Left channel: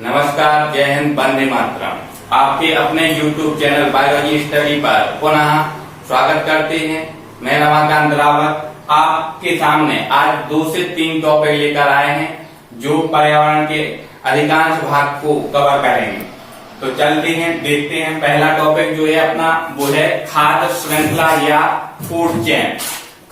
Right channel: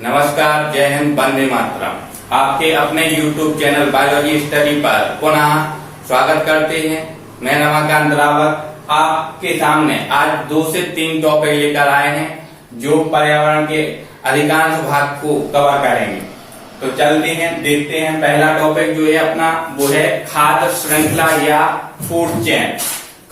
नमस्कार, जय हिंद, वंदे मातरम। आपके अपने YouTube चैनल बायोलॉजी स्टडी पर पुनः स्वागत करते हैं। मैं रमाकांत रावत आपके सामने आज 2 से 3 टॉपिक लेकर आए हैं जो पर्यावरण के अधिकांश भाग को कवर करेंगे। तो चलते हैं, देखते हैं। पहला टॉपिक जो है अपना वो है खाद्य श्रृंखला या फूड चेन।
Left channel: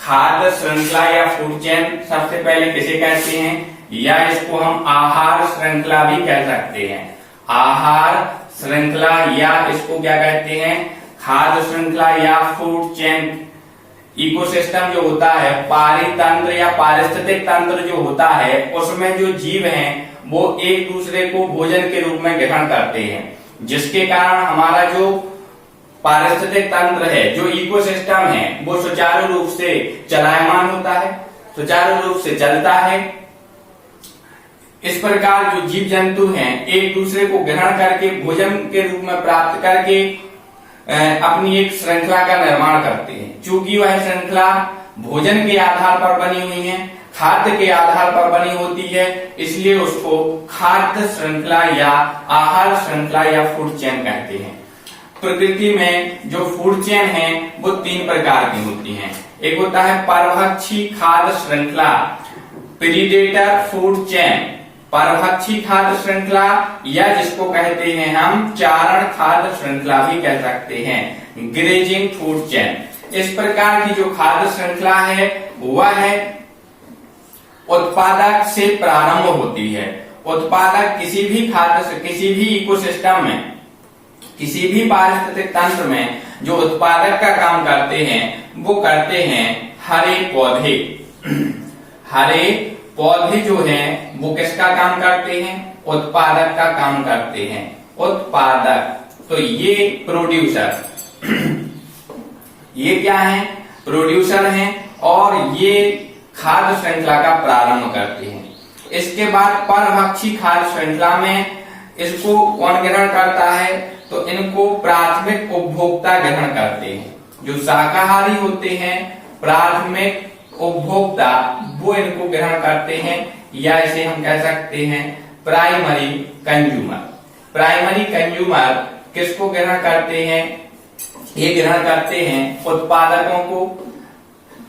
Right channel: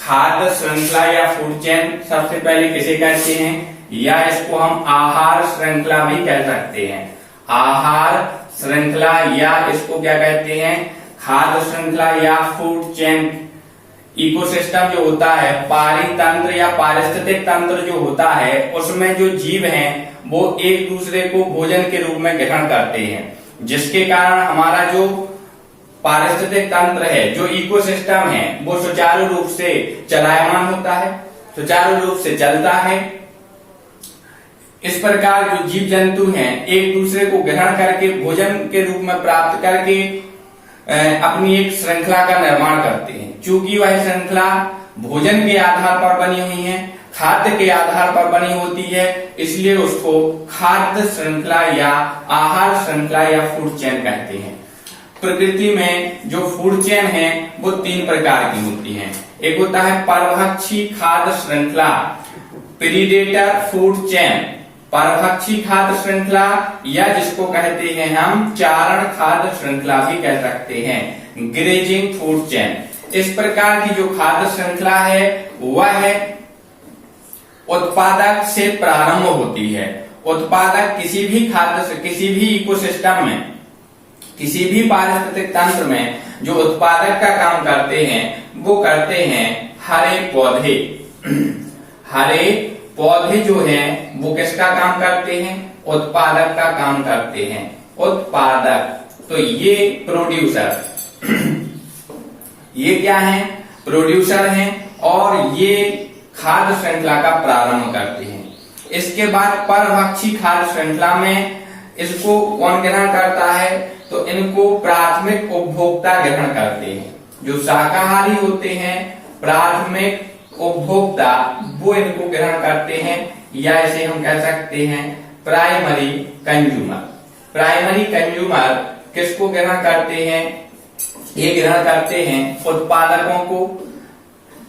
खाद्य श्रृंखला या फूड चेन सबसे पहले किसे कहते हैं, या इसको हम आहार श्रृंखला भी कह सकते हैं। आहार श्रृंखला या इसको क्या कहते हैं, खाद्य श्रृंखला या फूड चेन। इकोसिस्टम जो होता है, पारितंत्र या पारिस्थितिक तंत्र जो होता है, उसमें जो जीव हैं वो एक दूसरे को भोजन के रूप में ग्रहण करते हैं, जिसके कारण हमारा जो पारिस्थितिक तंत्र है, जो इकोसिस्टम है, वो सुचारू रूप से चलायमान होता है, सुचारू रूप से चलता है। इस प्रकार जो जीव जंतु हैं एक दूसरे को ग्रहण करके भोजन के रूप में प्राप्त करके अपनी एक श्रृंखला का निर्माण करते हैं। चूंकि वह श्रृंखला भोजन के आधार पर बनी हुई है, खाद्य के आधार पर बनी होती है, इसलिए उसको खाद्य श्रृंखला या आहार श्रृंखला या फूड चेन कहते हैं। प्रकृति में जो फूड चेन है वो 3 प्रकार की होती हैं। एक होता है परभक्षी खाद्य श्रृंखला, प्रीडेटर फूड चेन, परभक्षी खाद्य श्रृंखला, या जिसको कहते हैं हम चारण खाद्य श्रृंखला भी कह सकते हैं, ग्रेजिंग फूड चेन। इस प्रकार की जो खाद्य श्रृंखला है वह है उत्पादक से प्रारंभ होती है। उत्पादक किसी भी खाद्य, किसी भी इकोसिस्टम में, किसी भी पारिस्थितिक तंत्र में जो उत्पादक का काम करते हैं वो करते हैं हरे पौधे। हरे पौधे जो हैं वो किसका काम करते हैं, उत्पादक का काम करते हैं। उत्पादक, तो ये प्रोड्यूसर, ये क्या है, प्रोड्यूसर हैं और ये खाद्य श्रृंखला का प्रारंभ करते हैं। इसके बाद परभक्षी खाद्य श्रृंखला में इसको कौन ग्रहण करता है, तो इनको प्राथमिक उपभोक्ता ग्रहण करते हैं। जो शाकाहारी होते हैं प्राथमिक उपभोक्ता वो इनको ग्रहण करते हैं, या इसे हम कह सकते हैं प्राइमरी कंज्यूमर। प्राइमरी कंज्यूमर किसको ग्रहण करते हैं, ये ग्रहण करते हैं उत्पादकों को।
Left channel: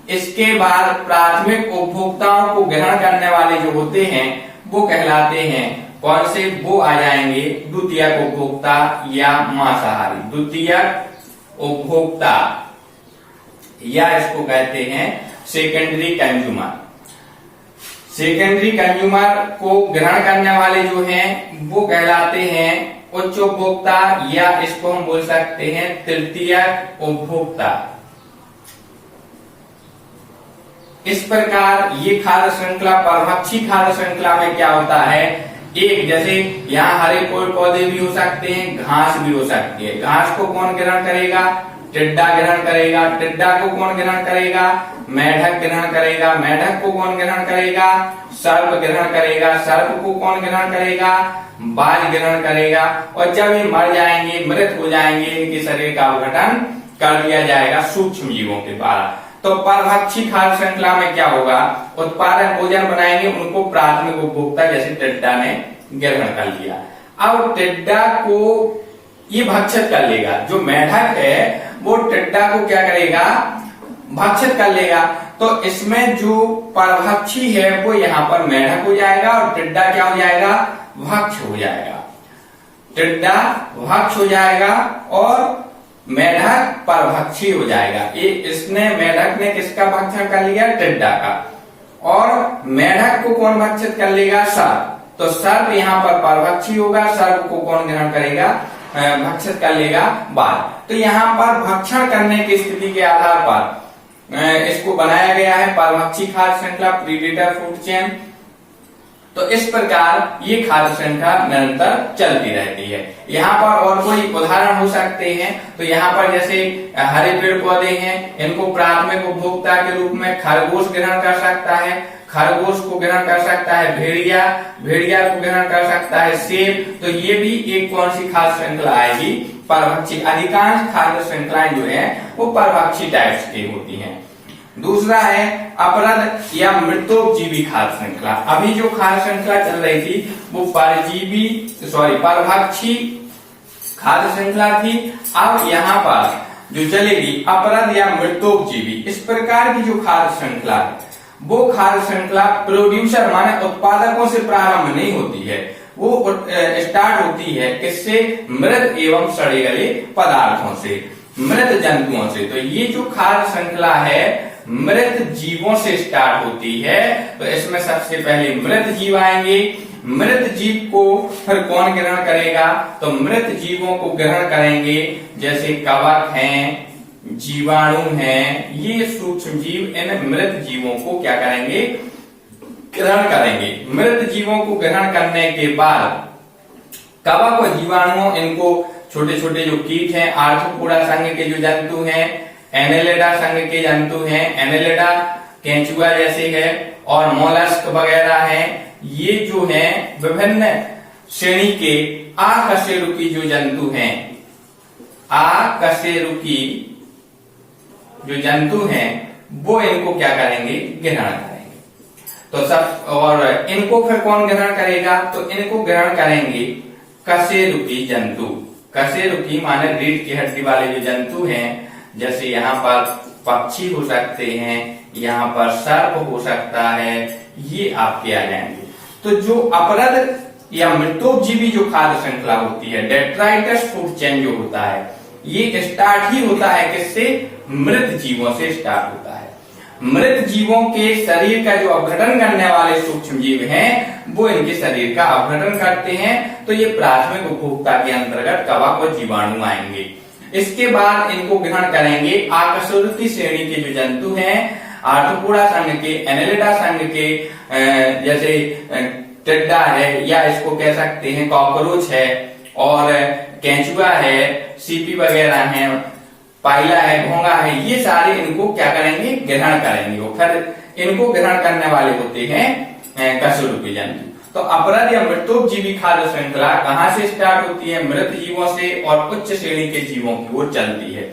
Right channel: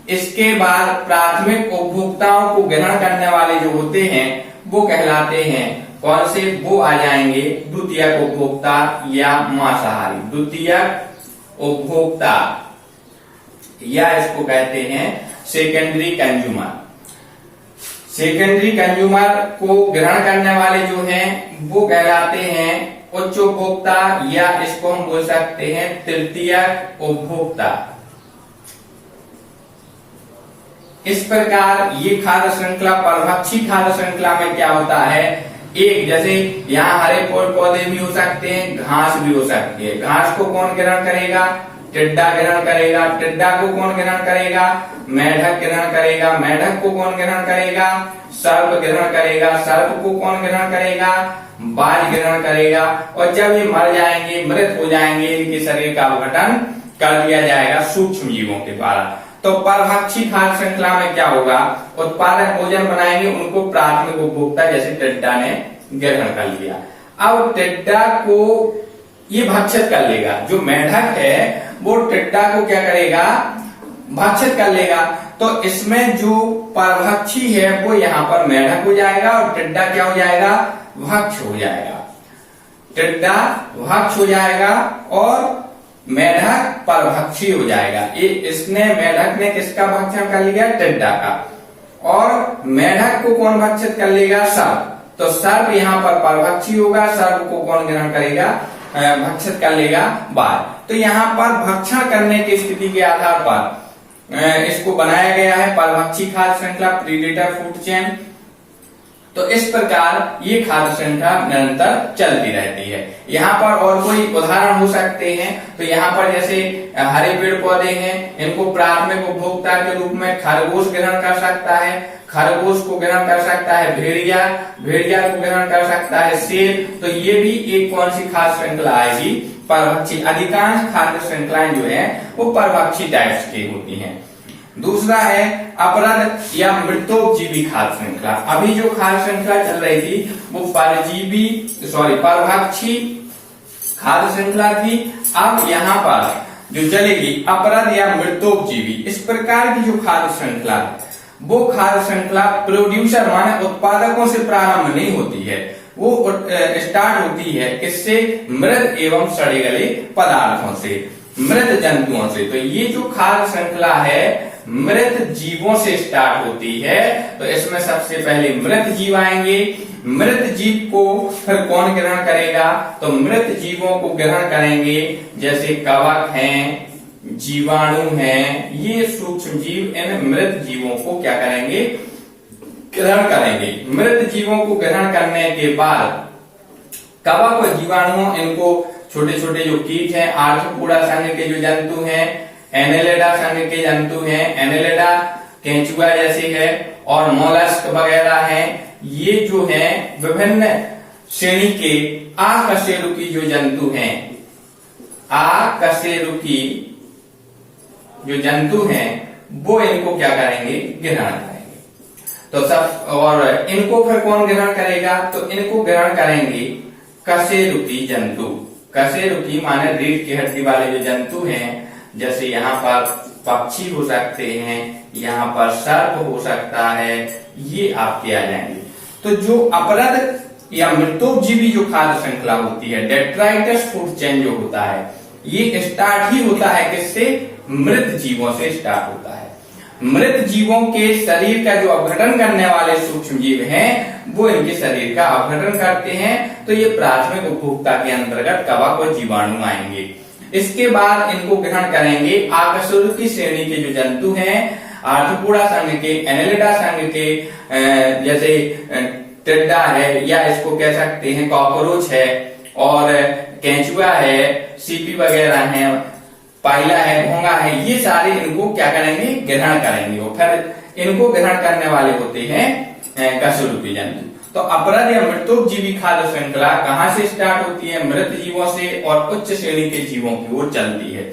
इसके बाद प्राथमिक उपभोक्ताओं को ग्रहण करने वाले जो होते हैं वो कहलाते हैं कौन से, वो आ जाएंगे द्वितीयक उपभोक्ता या मांसाहारी। द्वितीयक उपभोक्ता या इसको कहते हैं सेकेंडरी कंज्यूमर। सेकेंडरी कंज्यूमर को ग्रहण करने वाले जो हैं वो कहलाते हैं उच्च उपभोक्ता, या इसको हम बोल सकते हैं तृतीयक उपभोक्ता। इस प्रकार ये खाद्य श्रृंखला, परभक्षी खाद्य श्रृंखला में क्या होता है, एक जैसे यहाँ हरे पौधे भी हो सकते हैं, घास भी हो सकती है। घास को कौन ग्रहण करेगा, टिड्डा ग्रहण करेगा। टिड्डा को कौन ग्रहण करेगा, मेढक ग्रहण करेगा। मेढक को कौन ग्रहण करेगा, सर्प ग्रहण करेगा। सर्प को कौन ग्रहण करेगा, बाज ग्रहण करेगा। और जब ये मर जाएंगे, मृत हो जाएंगे, इनके शरीर का अपघटन कर दिया जाएगा सूक्ष्म जीवों के द्वारा। तो परभक्षी खाद्य श्रृंखला में क्या होगा, उत्पादक भोजन बनाएंगे, उनको प्राथमिक उपभोक्ता जैसे टिड्डा ने ग्रहण कर लिया। अब टिड्डा को ये भक्षित कर लेगा। जो मेढक है वो टिड्डा को क्या करेगा, भक्षित कर लेगा। तो इसमें जो परभक्षी है वो यहाँ पर मेढक हो जाएगा और टिड्डा क्या हो जाएगा, भक्ष हो जाएगा। टिड्डा भक्ष हो जाएगा और मेढक परभक्षी हो जाएगा। ये इसने, मेढक ने किसका भक्षण कर लिया, टिड्डा का। और मेढक को कौन भक्षित कर लेगा, सर्प। तो सर्प यहाँ पर परभक्षी होगा, सर्प को कौन ग्रहण करेगा, भक्षित कर लेगा, बाज। तो यहाँ पर भक्षण करने की स्थिति के आधार पर इसको बनाया गया है परभक्षी खाद्य श्रृंखला, प्रीडेटर फूड चेन। तो इस प्रकार ये खाद्य श्रृंखला निरंतर चलती रहती है। यहाँ पर और कोई उदाहरण हो सकते हैं, तो यहाँ पर जैसे हरे पेड़ पौधे हैं, इनको प्राथमिक उपभोक्ता के रूप में खरगोश ग्रहण कर सकता है, खरगोश को ग्रहण कर सकता है भेड़िया, भेड़िया को ग्रहण कर सकता है शेर। तो ये भी एक कौन सी खाद्य श्रृंखला आएगी, परभक्षी। अधिकांश खाद्य श्रृंखलाएं जो है वो परभक्षी टाइप्स की होती हैं। दूसरा है अपरद या मृतोपजीवी खाद्य श्रृंखला। अभी जो खाद्य श्रृंखला चल रही थी वो परभक्षी खाद्य श्रृंखला थी। अब यहाँ पर जो चलेगी अपरद या मृतोपजीवी, इस प्रकार की जो खाद्य श्रृंखला वो खाद्य श्रृंखला प्रोड्यूसर माने उत्पादकों से प्रारंभ नहीं होती है, वो स्टार्ट होती है किससे? मृत एवं सड़े गले पदार्थों से, मृत जंतुओं से। तो ये जो खाद्य श्रृंखला है मृत जीवों से स्टार्ट होती है। तो इसमें सबसे पहले मृत जीव आएंगे। मृत जीव को फिर कौन ग्रहण करेगा? तो मृत जीवों को ग्रहण करेंगे जैसे कवक हैं, जीवाणु हैं, ये सूक्ष्म जीव इन मृत जीवों को क्या करेंगे? ग्रहण करेंगे। मृत जीवों को ग्रहण करने के बाद कवक और जीवाणु इनको छोटे छोटे जो कीट हैं, आर्थ्रोपोडा संघ के जो जंतु हैं, एनेलिडा संघ के जंतु हैं, एनेलिडा केंचुआ जैसे है और मोलस्क वगैरह हैं, ये जो है विभिन्न श्रेणी के अकशेरुकी जो जंतु हैं, अकशेरुकी जो जंतु हैं वो इनको क्या करेंगे? ग्रहण करेंगे। तो सब और इनको फिर कौन ग्रहण करेगा? तो इनको ग्रहण करेंगे कशेरुकी जंतु। कशेरुकी माने रीढ़ की हड्डी वाले जो जंतु हैं, जैसे यहाँ पर पक्षी हो सकते हैं, यहाँ पर सर्प हो सकता है, ये आपके आ जाएंगे। तो जो अपरद या मृतोपजीवी जो खाद्य श्रृंखला होती है, डेट्राइटस फूड चेन जो होता है, ये स्टार्ट ही होता है किससे? मृत जीवों से स्टार्ट होता है। मृत जीवों के शरीर का जो अपघटन करने वाले सूक्ष्म जीव हैं वो इनके शरीर का अपघटन करते हैं। तो ये प्राथमिक उपभोक्ता के अंतर्गत कवक और जीवाणु आएंगे। इसके बाद इनको ग्रहण करेंगे अकशेरुकी श्रेणी के जो जंतु हैं, आर्थ्रोपोडा संघ के, एनेलिडा संघ के, जैसे टिड्डा है या इसको कह सकते हैं कॉकरोच है, और केंचुआ है, सीपी वगैरह है, पाइला है, घोंगा है, ये सारे इनको क्या करेंगे? ग्रहण करेंगे। वो फिर इनको ग्रहण करने वाले होते हैं कशेरुकी जंतु। तो अपरद या मृतोपजीवी खाद्य श्रृंखला कहाँ से स्टार्ट होती है? मृत जीवों से और उच्च श्रेणी के जीवों की ओर चलती है।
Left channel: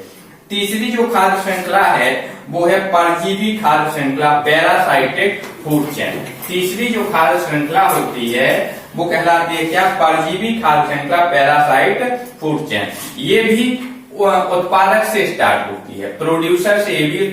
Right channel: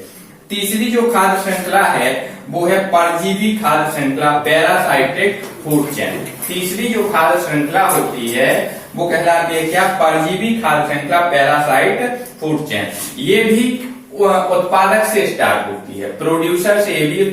तीसरी जो खाद्य श्रृंखला है वो है परजीवी खाद्य श्रृंखला, पैरासाइटिक फूड चेन। तीसरी जो खाद्य श्रृंखला होती है वो कहलाती है क्या? परजीवी खाद्य श्रृंखला, पैरासाइट फूड चेन। ये भी उत्पादक से स्टार्ट होती है, प्रोड्यूसर से भी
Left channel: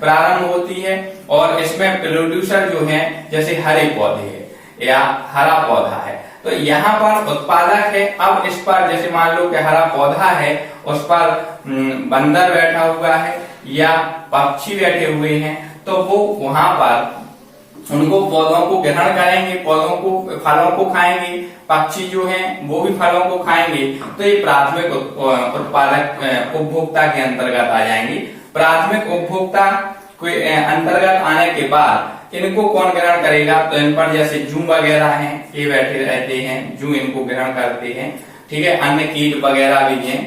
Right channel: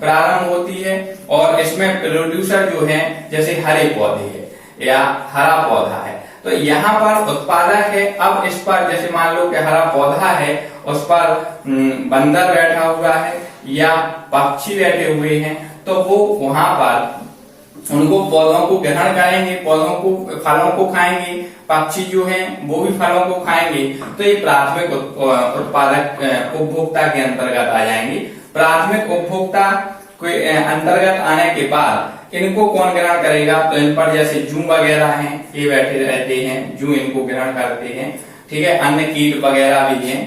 प्रारंभ होती है। और इसमें प्रोड्यूसर जो है जैसे हरे पौधे है या हरा पौधा है, तो यहाँ पर उत्पादक है। अब इस पर जैसे मान लो कि हरा पौधा है, उस पर बंदर बैठा हुआ है या पक्षी बैठे हुए हैं, तो वो वहां पर उनको पौधों को ग्रहण करेंगे, पौधों को फलों को खाएंगे, पक्षी जो हैं वो भी फलों को खाएंगे। तो ये प्राथमिक उत्पादक उपभोक्ता के अंतर्गत आ जाएंगे। प्राथमिक उपभोक्ता के अंतर्गत आने के बाद इनको कौन ग्रहण करेगा? तो इन पर जैसे जू वगैरह हैं, ये बैठे रहते हैं, जू इनको ग्रहण करते हैं। ठीक है, अन्य कीट वगैरह भी हैं,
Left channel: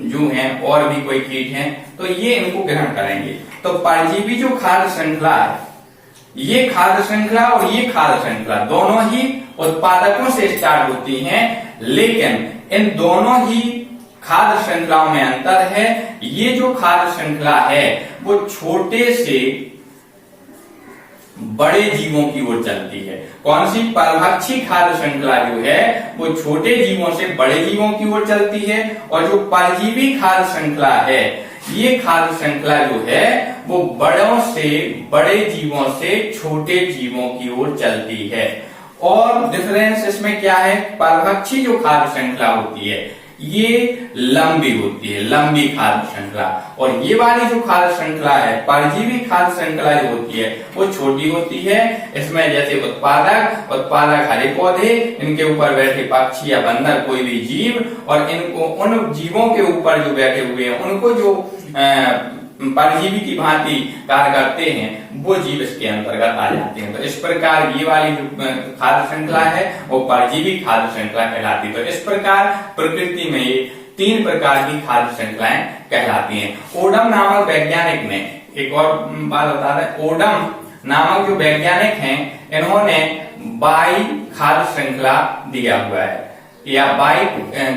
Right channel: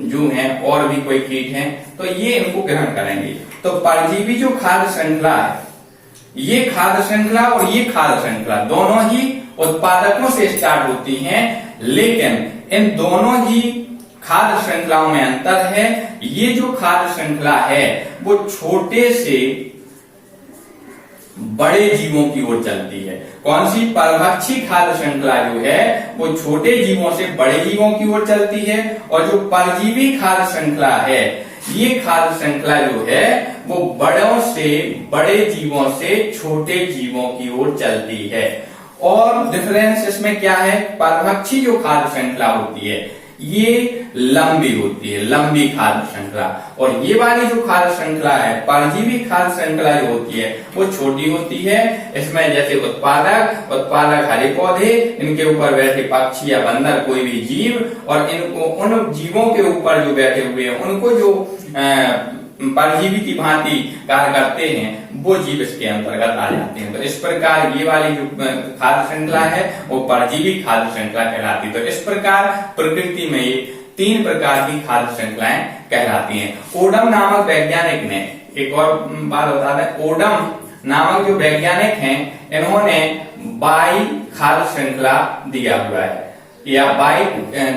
जू हैं और भी कोई कीट हैं, तो ये इनको ग्रहण करेंगे। तो परजीवी जो खाद्य श्रृंखला है, ये खाद्य श्रृंखला और ये खाद्य श्रृंखला दोनों ही उत्पादकों से स्टार्ट होती हैं, लेकिन इन दोनों ही खाद्य श्रृंखलाओं में अंतर है। ये जो खाद्य श्रृंखला है वो छोटे से बड़े जीवों की ओर चलती है। कौन सी? परभक्षी खाद्य श्रृंखला जो है वो छोटे जीवों से बड़े जीवों की ओर चलती है, और जो परजीवी खाद्य श्रृंखला है, ये खाद्य श्रृंखला जो है वो बड़ों से बड़े जीवों से छोटे जीवों की ओर चलती है। और डिफरेंस इसमें क्या है? परभक्षी जो खाद्य श्रृंखला होती है ये लंबी होती है, लंबी खाद्य श्रृंखला, और ये वाली जो खाद्य श्रृंखला है परजीवी खाद्य श्रृंखला जो होती है वो छोटी होती है। इसमें जैसे उत्पादक हरे पौधे, इनके ऊपर बैठे पक्षी या बंदर कोई भी जीव, और इनको उन जीवों के ऊपर जो बैठे हुए हैं उनको जो परजीवी की भांति कार्य करते हैं वो जीव इसके अंतर्गत आ जाते हैं। तो इस प्रकार ये वाली जो खाद्य श्रृंखला है वो परजीवी खाद्य श्रृंखला कहलाती है। तो इस प्रकार प्रकृति में ये 3 प्रकार की खाद्य श्रृंखलाएं कहलाती हैं। ओडम नामक वैज्ञानिक ने एक और बात बता दें, ओडम नामक जो वैज्ञानिक हैं इन्होंने बाई खाद्य श्रृंखला दिया हुआ है, या बाई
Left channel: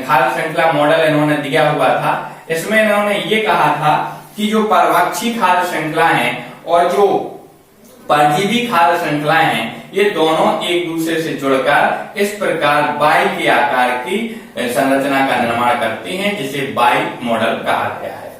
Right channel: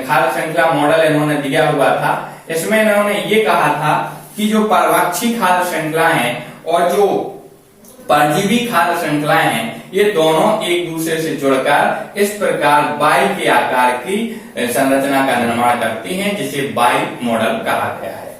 खाद्य श्रृंखला मॉडल इन्होंने दिया हुआ था। इसमें इन्होंने ये कहा था कि जो परभक्षी खाद्य श्रृंखला है और जो परजीवी खाद्य श्रृंखलाएं हैं ये दोनों एक दूसरे से जुड़कर इस प्रकार बाई के आकार की संरचना का निर्माण करती हैं, जिसे बाई मॉडल कहा गया है।